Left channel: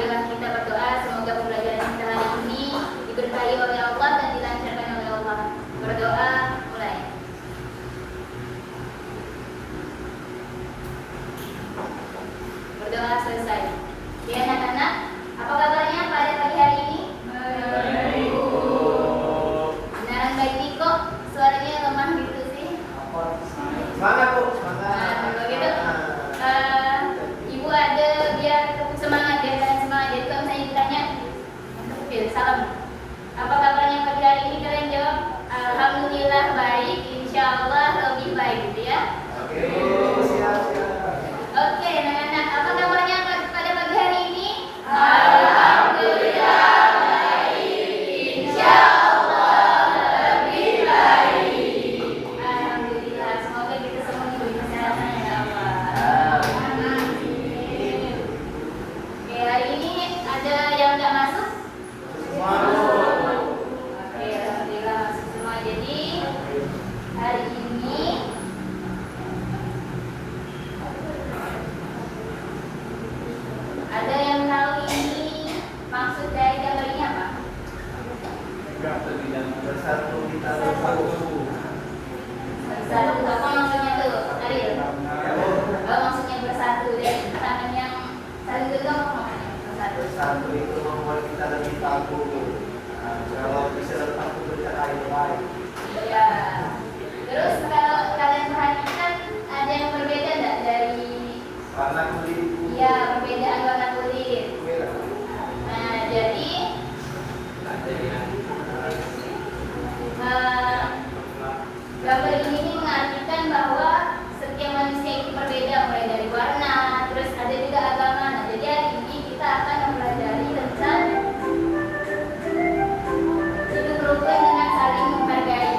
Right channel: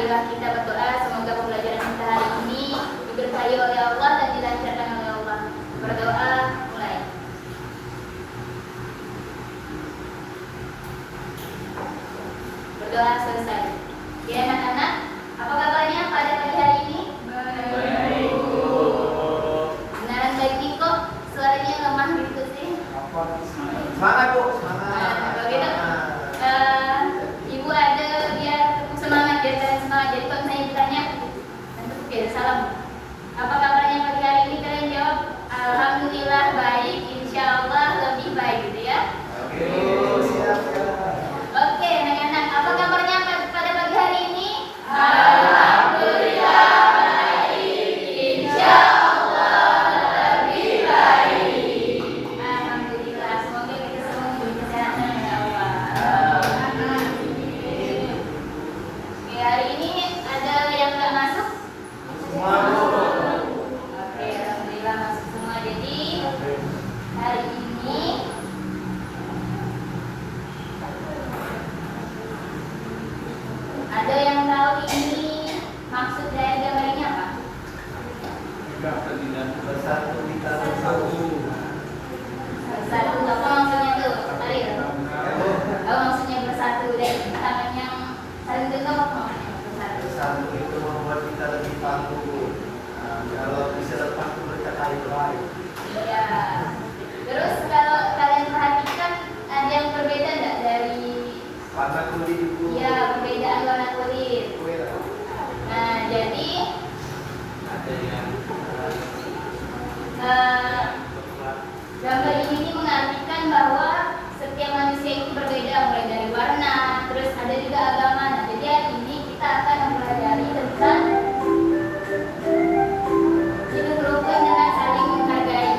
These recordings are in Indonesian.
marilah kita berdoa semoga pembelajaran kita hari ini diberkahi oleh Allah dan dilancarkan oleh Allah. Berdoa mulai. Berdoa selesai. Ya anak-anak, apa kabarnya pada pagi hari ini? Baik. Beneran baik nih kok. Suaranya lemah gitu sih. Semangat Bu, semangat. Kalau gitu, Ibu ada biar semangat ya, dan semangat. Jadi kalau misalnya ditanya, nanti salam. Apa kabarnya pagi hari ini? Kalian jawab, alhamdulillah baik, insya Allah lebih baik gitu ya. Oke, siap. Oke, anak-anak, apa kabarnya pada pagi hari ini? Alhamdulillah baik, insya Allah lebih baik. Alhamdulillah, semoga kita semua diberi kesehatan ya Allah. Amin. Oke, hari ini ada yang nggak masuk? Semua Bu. Oke, alhamdulillah masuk semua. Jadi hari ini ada yang tahu ini maksud dari gambar ini apa? Bersatu kita bersatu. Bersatu, apa maksudnya tuh? Ariel? Oh, maksudnya bersatu dan tangan yang saling genggam apa maksudnya bersatu? Bersatu itu membuat kita lebih tangguh. Kalau bisa tangguh berkata yang baik. Ya. Terus kalau kalian perhatikan ada yang berbeda nggak dari Warna kulit Bu. ya perbedaan warna kulit? Nah, jadi Ada yang gambar ini mengartikan bahwa setiap manusia itu berbeda, mulai dari warna, terus ada juga agama. Nah, jadi hari ini kita akan mempelajari tentang hidup rukun dengan saling menghargai.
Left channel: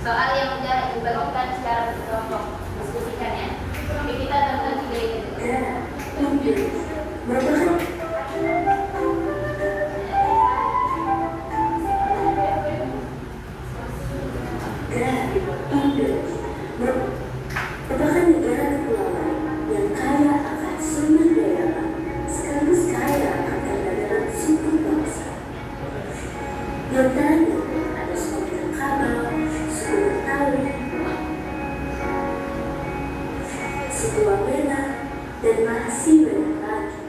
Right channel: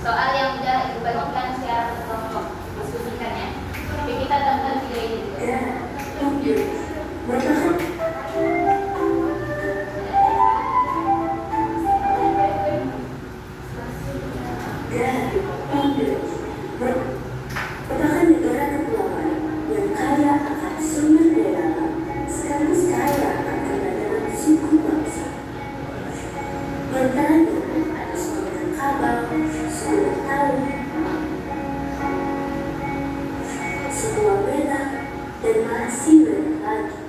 soal yang udah Ibu bagikan secara kelompok, diskusikan ya. Tapi kita gabungkan 3 ini dulu. Merupakan negara kepulauan yang kaya akan sumber daya alam sekaligus kaya akan perdagangan suku bangsa. Di antaranya ada suku Minangkabau, suku Betawi, suku Wamena, dan masih banyak lagi.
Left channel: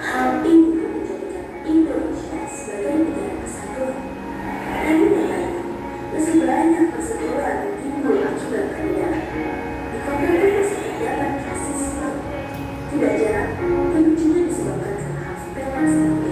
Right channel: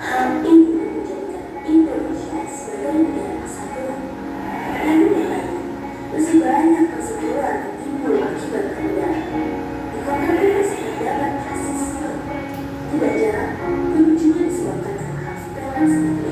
Hal ini menjadikan Indonesia sebagai negara kesatuan. Namun nyatanya, masih banyak perseteruan yang timbul akibat perbedaan. Di kota masih terdapat rasisme. Tidak jarang, ini juga disebabkan karena hal sepele seperti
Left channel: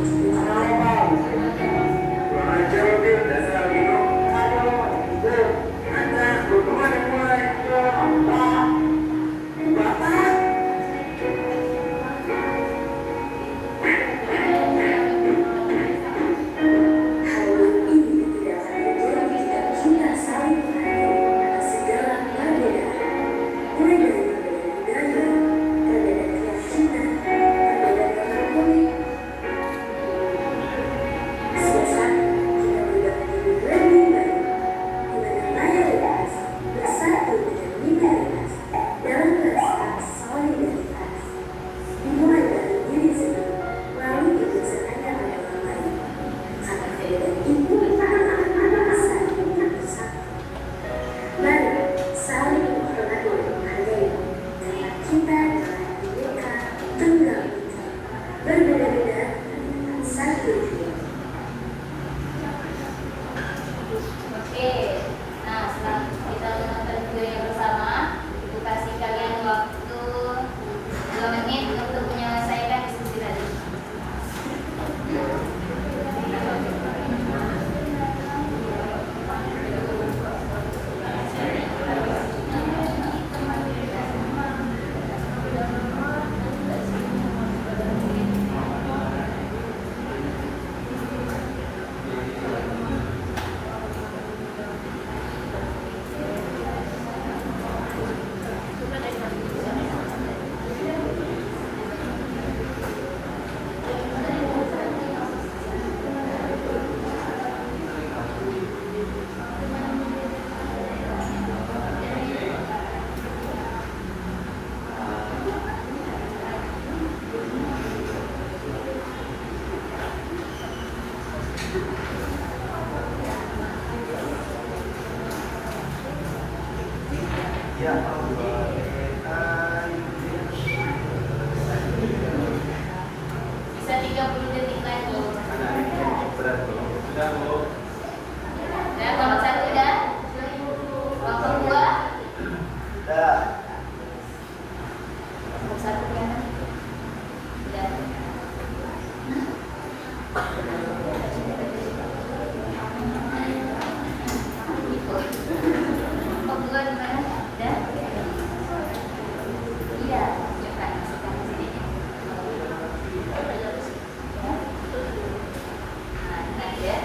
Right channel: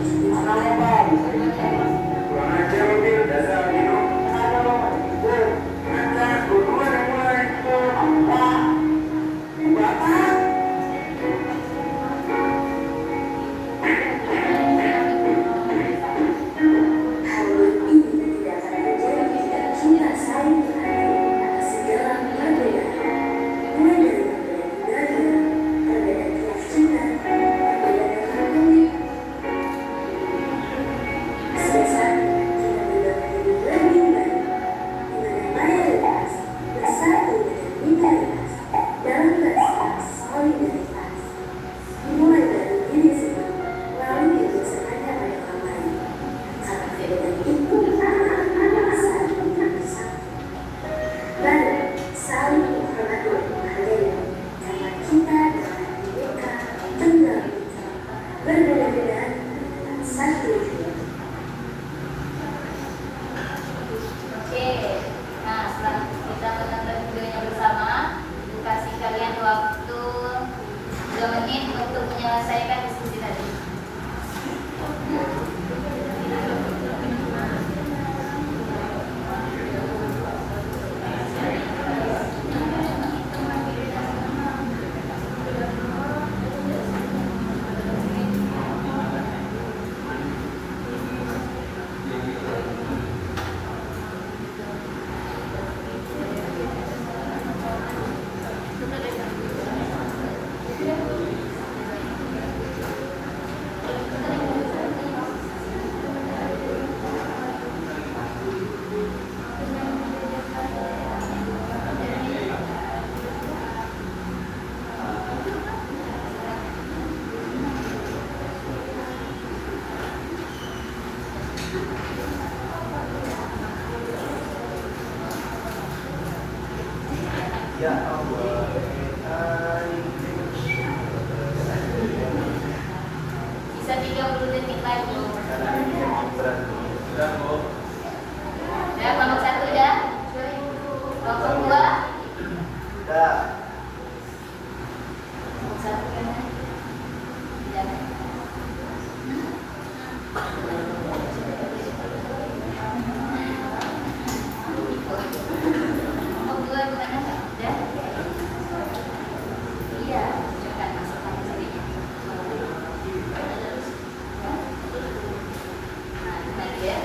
Ya Allah, Bisa 30 detik lagi. sudah Bu. Dan kelompok 1 udah? Kelompok 2? Sudah. Kelompok 1 kan? Udah. Kelompok 2 gimana? Udah? Iya, cepat masukkan ke sini. Nah, ini ya.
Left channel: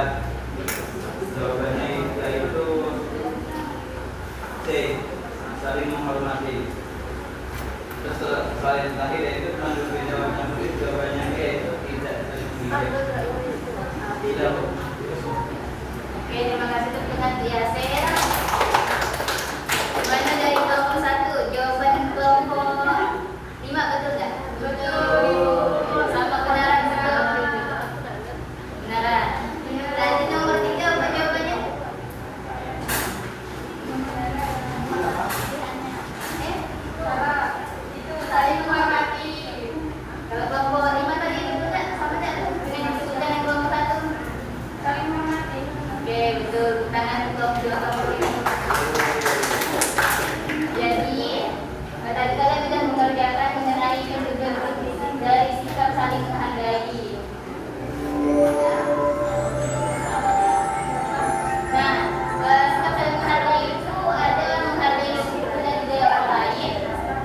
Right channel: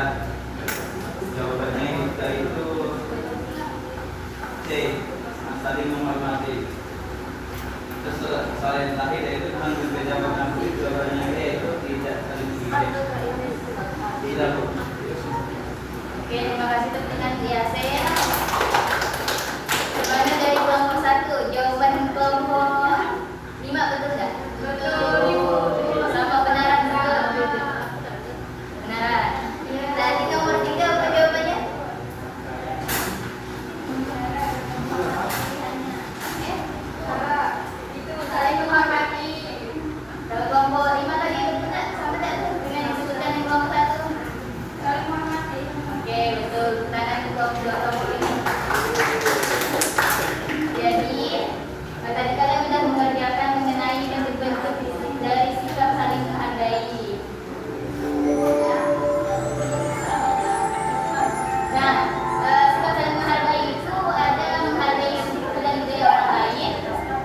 Jawabannya itu C, saling menghormati. Terus soal yang terakhir yaitu tentang berbeda warna kulit, jawabannya E itu tidak saling menghargai. Tidak. Oke, terima kasih untuk dengan Yasen. Jawabannya dari kelompok 1, jawaban kelompok 5 betul nggak? Betul. Sama kebenaran betul. Kebenaran. Tadi nomor 3 apa jawabannya? Itu saling menghormati. Kalau kelompok 5 tadi betul nggak? Sama nggak dengan disebutkan yang kelompok 1? Saling menghormati. Oke, betul. Tangan untuk kelompok ini. Jadi, tadi kalian sudah mengerjakan mengenai bentuk-bentuk dari sikap saling menghargai. Nah, sikap saling menghargai itu ada menghargai satu dan juga orang lain,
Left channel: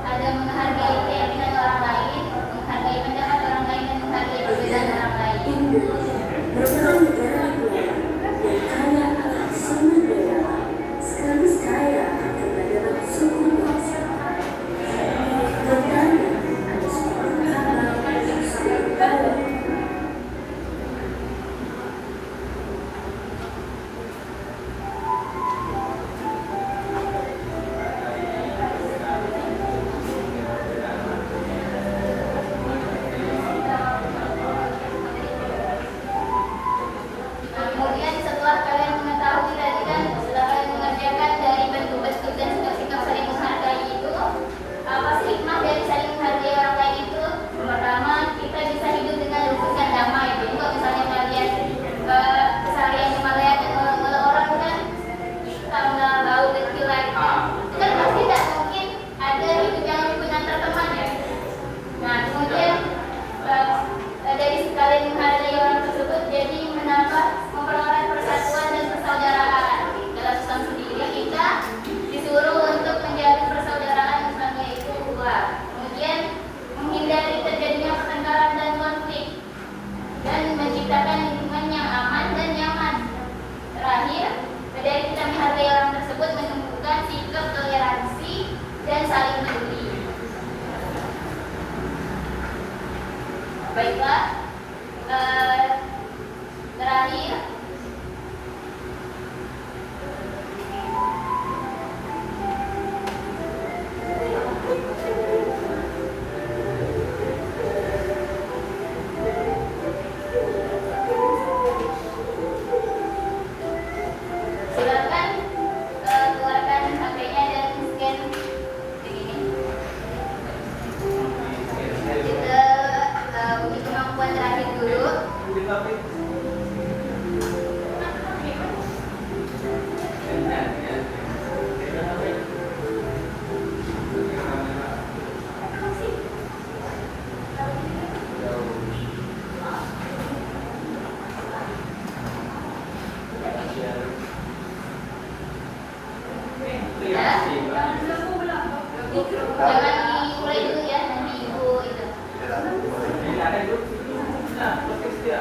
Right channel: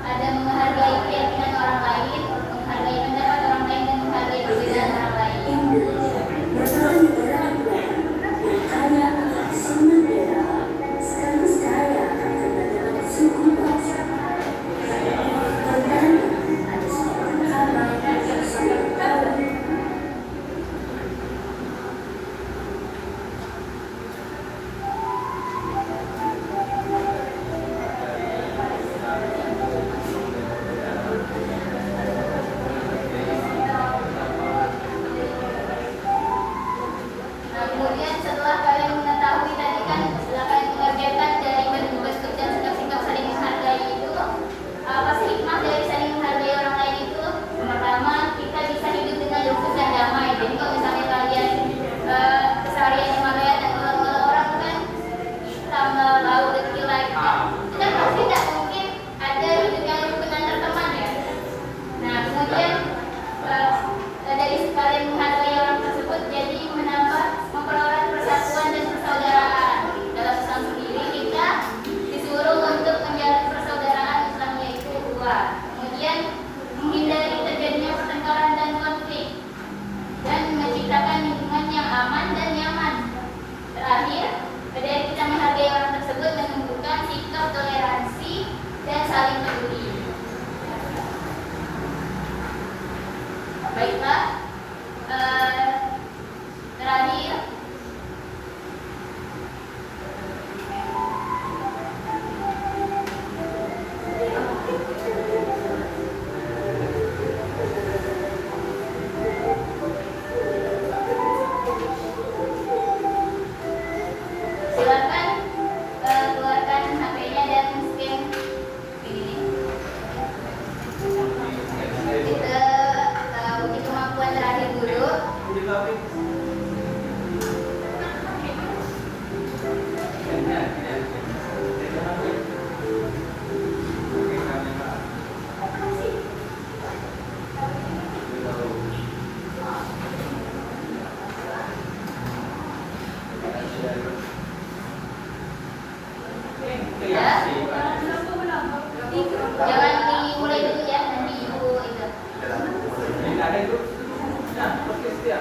ada menghargai keyakinan orang lain, menghargai pendapat orang lain, dan menghargai perbedaan orang lain. Indonesia merupakan negara kepulauan yang kaya akan sumber daya alam sekaligus kaya akan keberagaman suku bangsa. Tentang ada sebuah kapal yang sudah berbawa. Nah, kemudian setelah kalian mengetahui tadi kan, setelah kalian mengerjakan dari bentuk-bentuk dan sikap-sikap saling menghargai itu, apa sih hikmah dari saling menghargai orang lain itu? Yang pertama, kita bisa hidup dengan lembut dan damai. Jadi kalau misalnya kalian keseharian melihat dan mengelola orang kan hitam, lalu kecil lagi, itu kan pasti tidak mungkin ada hidup yang lembut antar teman ya. Nah, kemudian dari sekali menghargai orang tersebut jadi menambah mempererat persatuan dan persaudaraan. Dalam Islam sendiri kita disuruh untuk menjalin persaudaraan Islam yaitu ukhuwah. Kemudian menghindari terjadinya pertengkaran dan konflik dan menciptakan lingkungan yang aman dan nyaman. Terakhir, dari kita menghargai orang tersebut menunjukkan sikap toleransi dan saling peduli. Baiklah, terakhir silakan keluarkan HP-nya dan scan begini. Kita uji kemampuan terakhir dulu. Ya. Jangan dimulai dulu ya, nanti ibu itu. Kita mulai. Ini ada itu. Nah, oke, setia.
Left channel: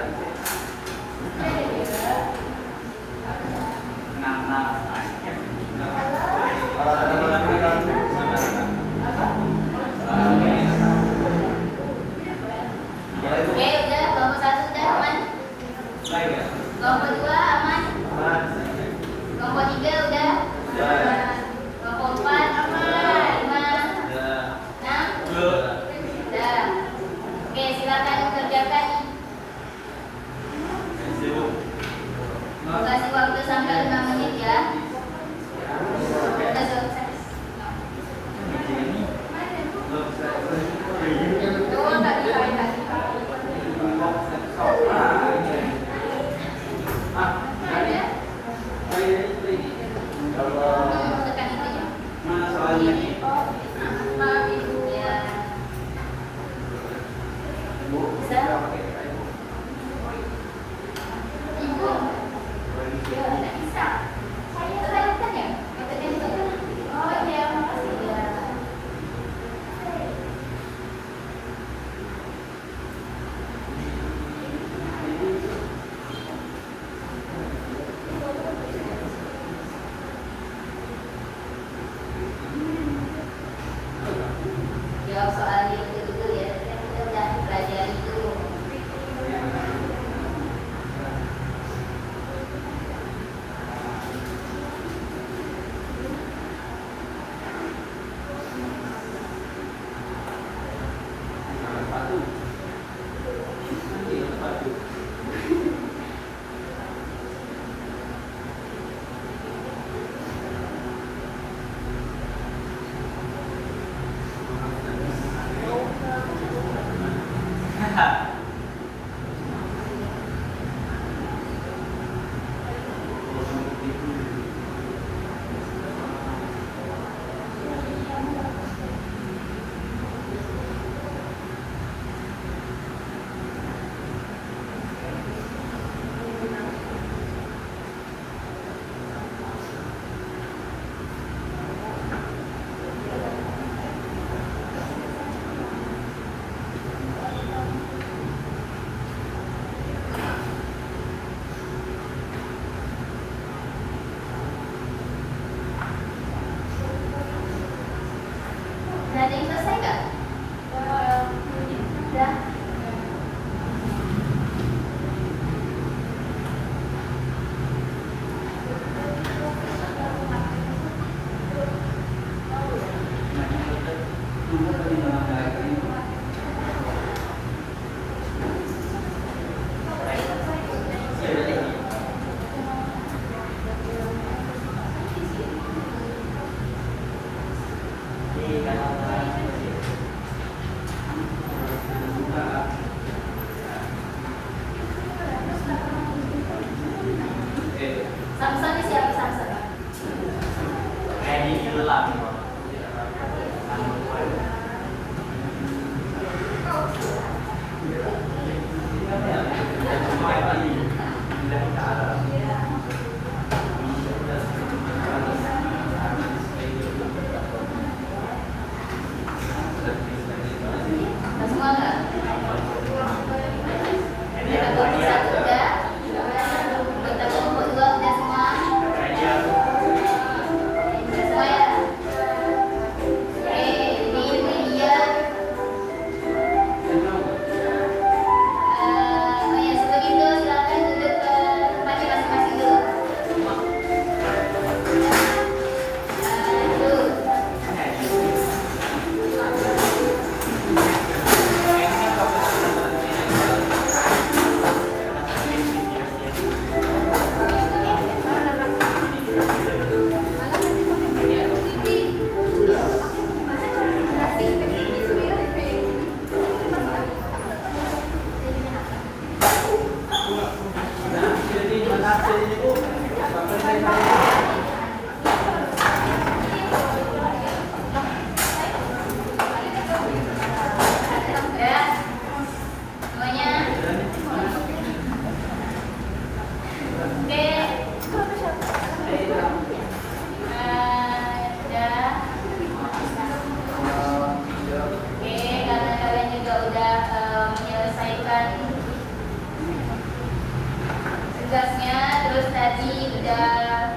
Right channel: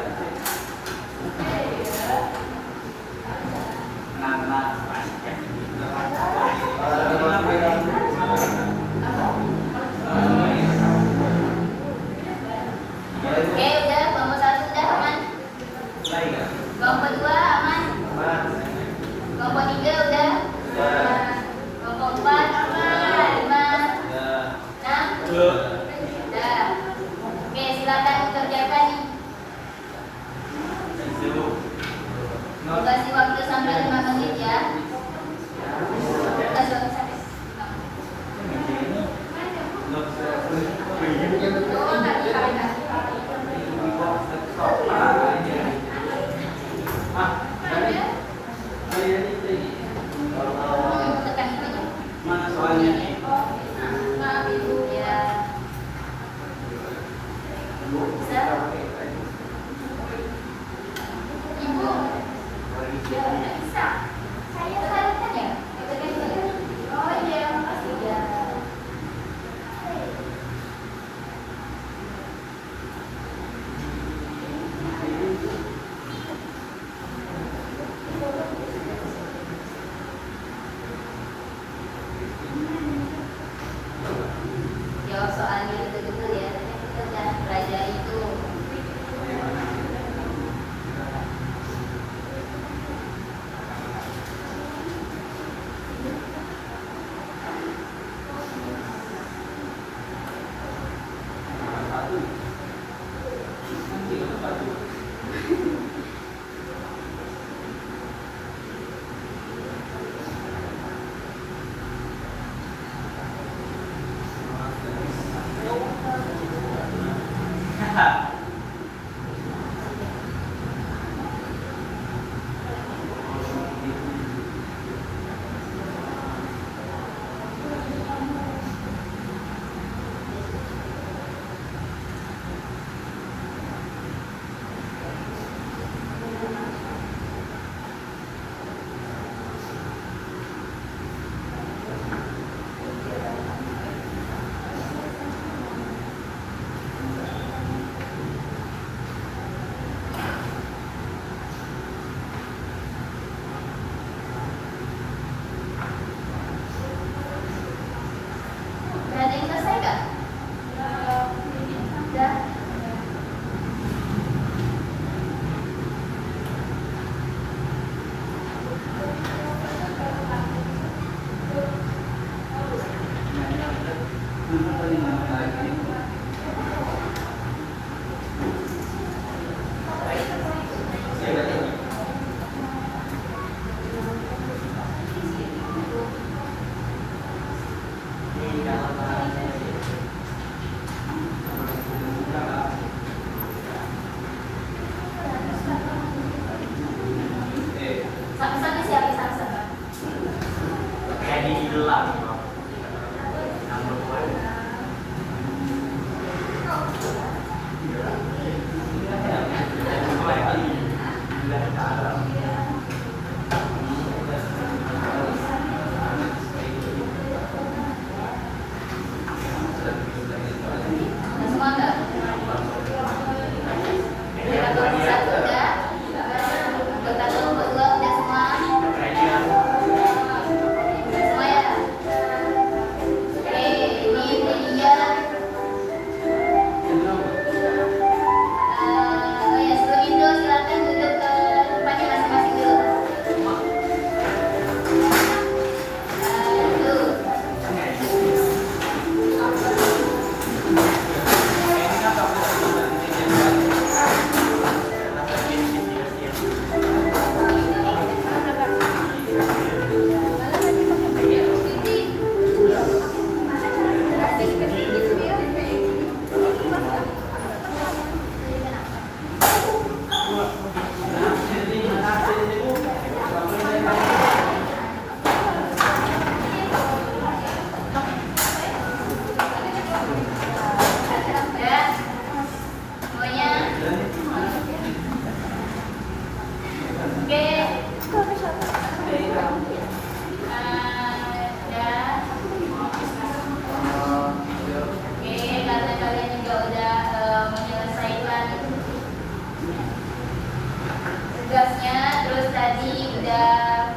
tugasnya, terus tadi udah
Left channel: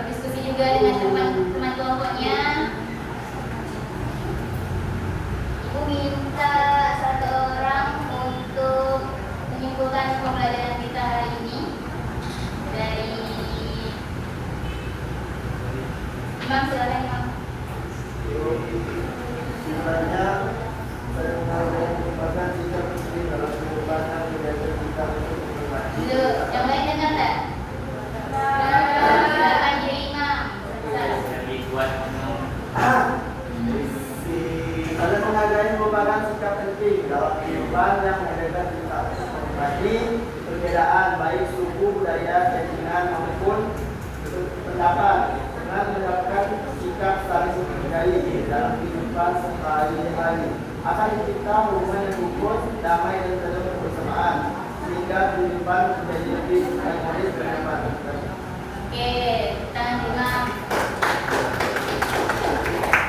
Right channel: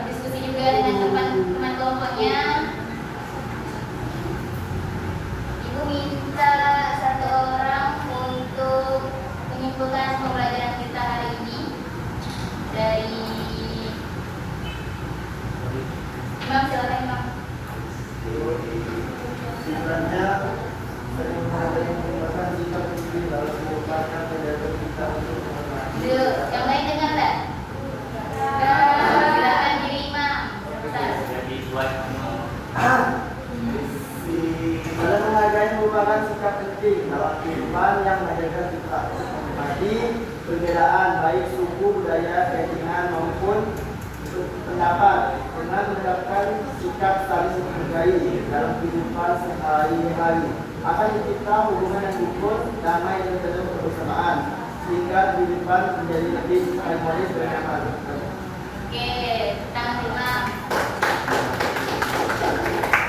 berdiskusi juga dengan teman-teman kelompoknya. Ibu minta satu orang untuk menyimpulkan pembelajaran kita hari ini dari Imam. Silakan Imam. Sebenarnya sering menggunakan sikap istri dalam merupakan kegiatan kita untuk mengobati. Yang lain dengar tak? Silakan diri Imam. Jadi buat Saling menghargai merupakan sikap penting dalam kehidupan yang menghadirkan kita mengobati perbedaan baik suku, budaya, keyakinan maupun pendapat dengan menerapkan sikap saling menghargai dalam kehidupan sehari-hari akan mencipta hubungan yang rukun, damai dan penuh kebersamaan sehingga kehidupan menjadi lebih harmonis dan nyaman. Oke, tangan Imam.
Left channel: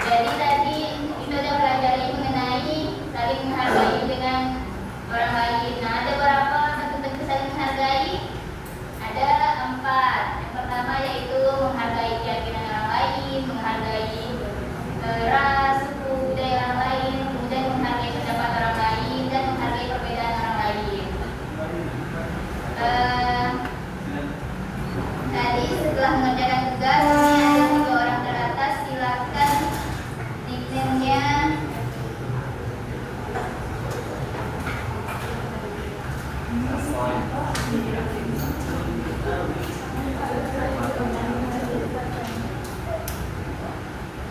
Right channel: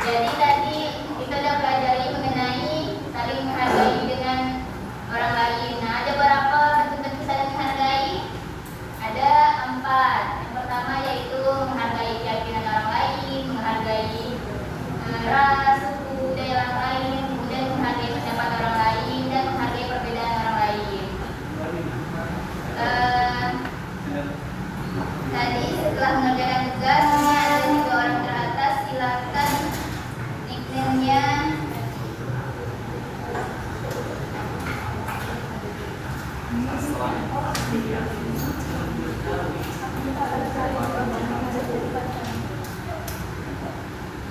Jadi tadi kita sudah pelajari mengenai saling menghargai dengan orang lain. Nah, ada berapa bentuk-bentuk saling menghargai? Ada 4. Yang pertama yaitu menghargai keyakinan orang lain, menghargai ras, suku, budaya orang lain, kemudian menghargai pendapat orang lain, dan menghargai perbedaan orang lain. Tadi setelah mengerjakan tugas, ini ada 3 orang teratas. Silakan nickname-nya.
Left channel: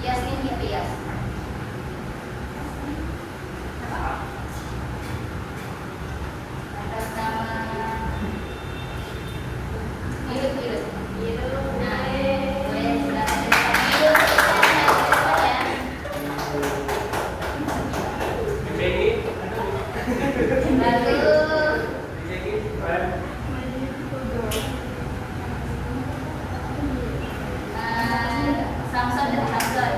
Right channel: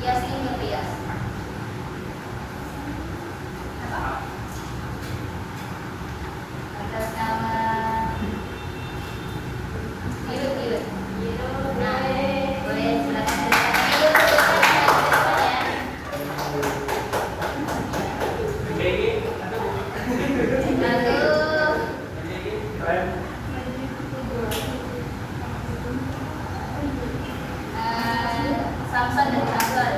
Yasmin gitu ya. Atas nama Birut. Nah, boleh silakan ceritakan. Birut, ceritakan ya. Lalu Samson dan Samson.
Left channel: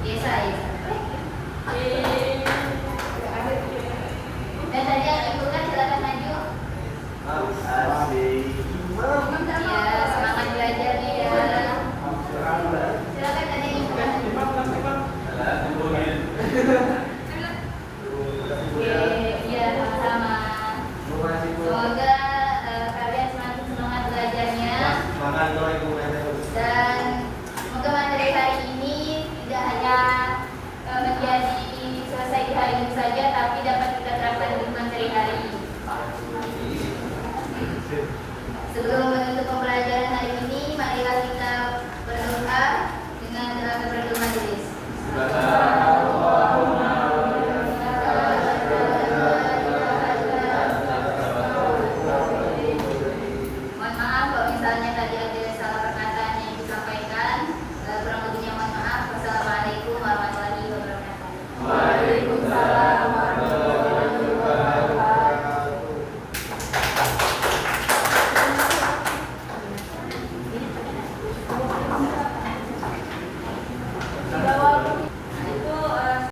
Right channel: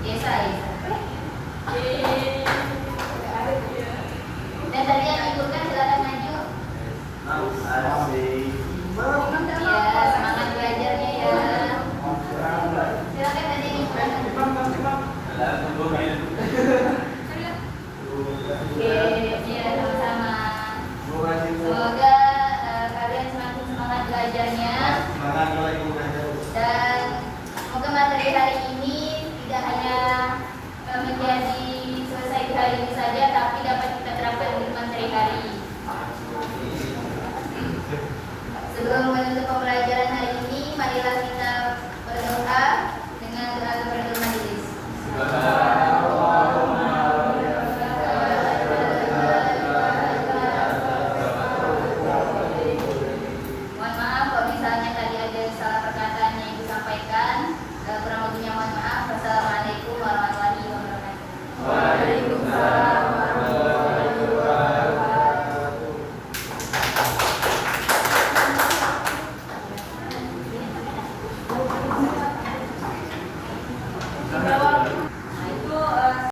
Yesa. Dan tadi yang ikutkan silakan maju. Ya, semangat belajarnya ya. Silakan tadi yang ikutkan. Oke, ya sama-sama. Semoga kalian semakin semangat belajarnya. Dan semoga materi hari ini tidak hanya menjadi selesai di hari ini saja, tapi dapat kita terapkan di materi hari. Sebelum menutup pembelajaran hari ini, marilah kita berdoa dengan doa keberatul majelis.